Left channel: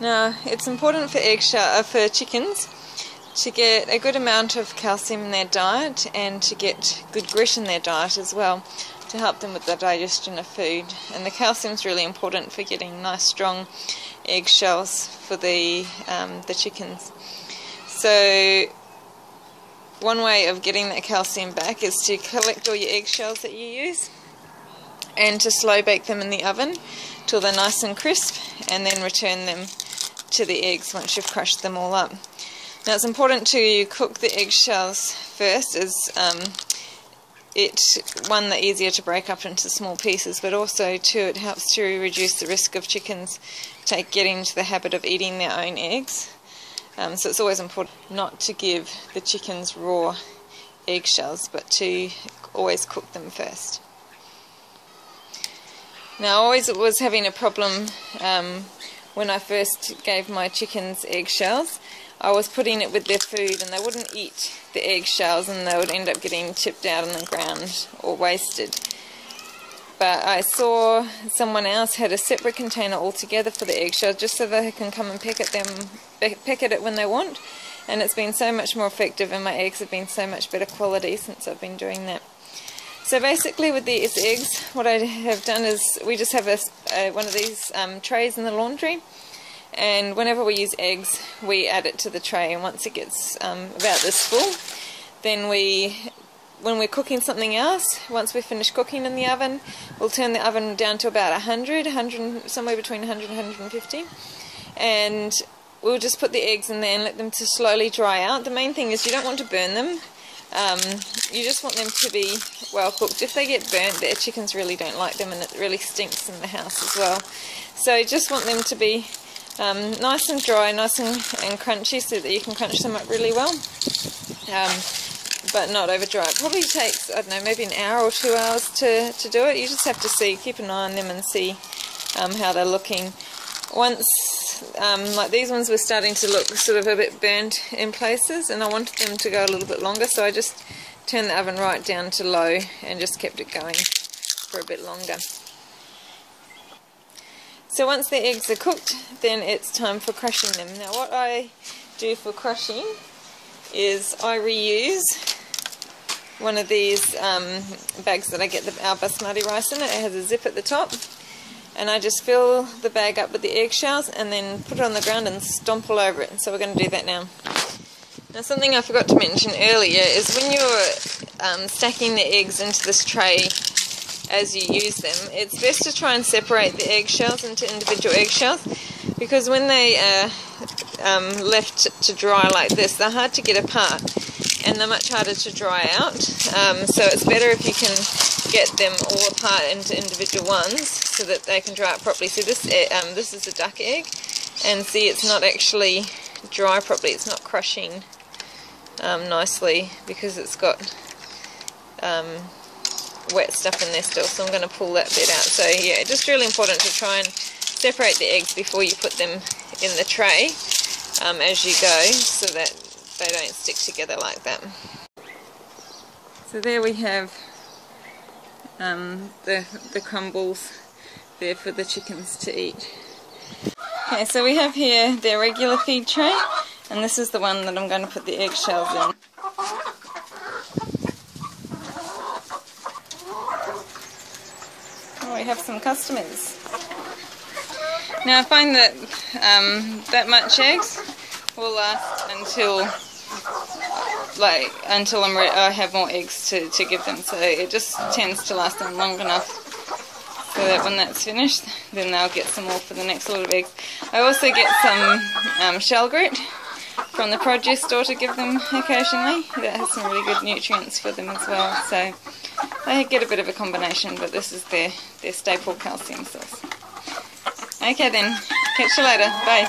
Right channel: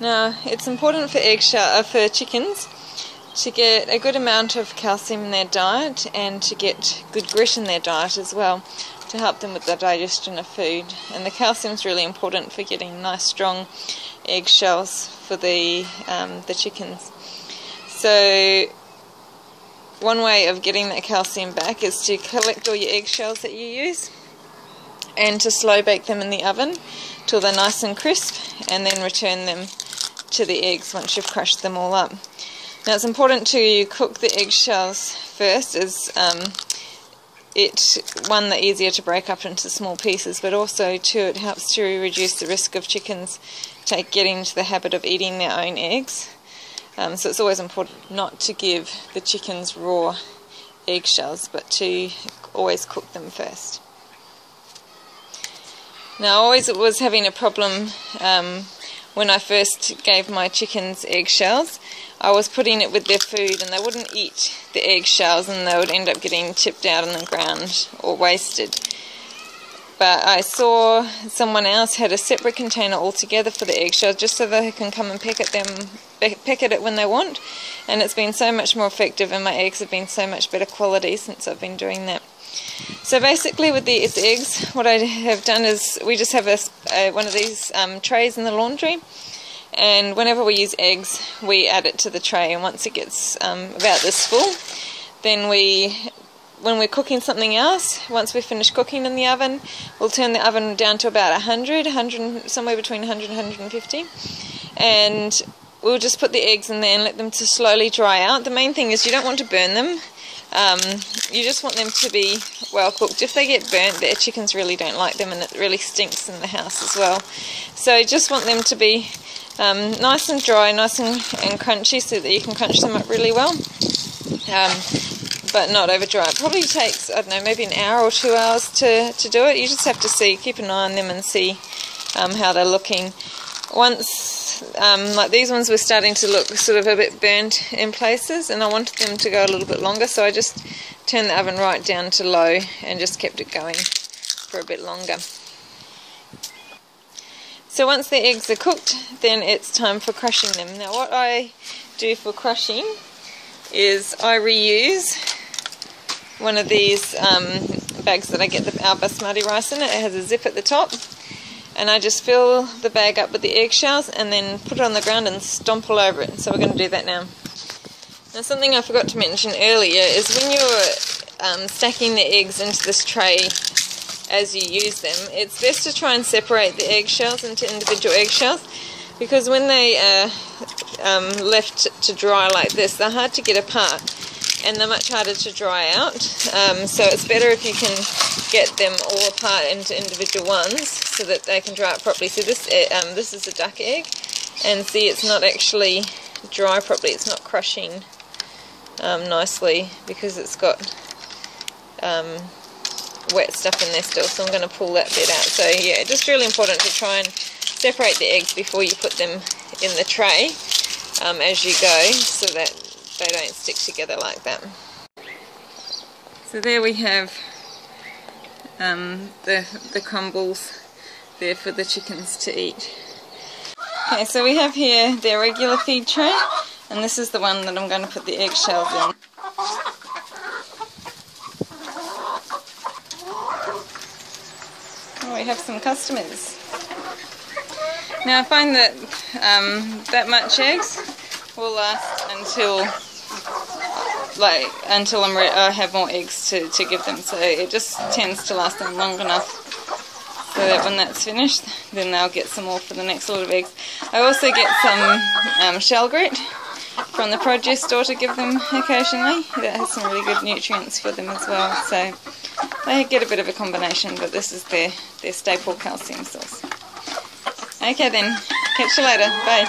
Now, it's important for chickens to get a good amount of calcium in their diet and to get good grit in their diet as well, to help them with the digestion of food. And the calcium is really important for getting nice strong eggshells for the chickens. So one way of getting that calcium back is to collect all your eggshells that you use and to slow bake them in the oven till they're nice and crisp, and then return them to the eggs once you've crushed them all up. Now, it's important to cook the eggshells first, as one, they're easier to break up into small pieces, but also too it helps to reduce the risk of chickens getting into the habit of eating their own eggs. So it's always important not to give the chickens raw eggshells, but to always cook them first. Now, I always was having a problem when I first gave my chickens eggshells. I was putting it with their food and they wouldn't eat the eggshells, and they would end up getting tipped out on the ground or wasted. But I saw someone else had a separate container altogether for the eggshells, just so they can come and peck at it when they want. And it's been so much more effective, and my eggs have been so much better quality since I've been doing that. So basically with these eggs, what I have done is we just have one of these trays in the laundry, and whenever we use eggs we add it to the tray, and once it gets about this full, then when we're cooking something else, once we've finished cooking in the oven, we'll turn the oven down to about 100, somewhere between 100 and 150, and we'll just put the eggs in there and let them to slowly dry out. The main thing is you don't want to burn them. You just want them to be well cooked. If they get burnt, the chickens really don't like them, and it really stinks in the house as well. So you just want them to be nice and dry, nice and crunchy, so that you can crunch them up really well, but not over dry. It probably takes, I don't know, maybe an hour or 2 hours to do it. You just have to keep an eye on them and see how they're looking. Once like these ones were starting to look sort of a bit burnt in places, and I wanted them to go a little bit longer, so I just turned the oven right down to low and just kept it going for a bit longer. So once the eggs are cooked, then it's time for crushing them. Now what I do for crushing is I reuse one of these bags that I get our basmati rice in. It has a zip at the top, and I just fill the bag up with the eggshells and then put it on the ground and stomp all over it. So we're going to do that now. Now, something I forgot to mention earlier is when you're stacking the eggs into this tray as you use them, it's best to try and separate the eggshells into individual eggshells, because when they are left to dry like this, they're hard to get apart and they're much harder to dry out. So it's better if you can get them all apart into individual ones so that they can dry out properly. So this is a duck egg, and see, it's not actually dry properly. It's not crushing nicely because it's got wet stuff in there still, so I'm going to pull that bit out. So yeah, just really important to try and separate the eggs before you put them in the tray as you go, so that they don't stick together like that. So there we have the crumbles there for the chickens to eat. Okay, so we have here their regular feed tray, and this is the one that I'm going to put the eggshells in. Oh, we have some customers. Now I find that that much eggs will last until I have more eggs to give them. So it just tends to last them long enough so that when that's finished, then they'll get some more for the next lot of eggs. I also get some shell grit from the produce store to give them occasionally. That has some really good nutrients for them as well. So they get a bit of a combination, but this is their staple calcium source. Okay then, catch you later. Bye.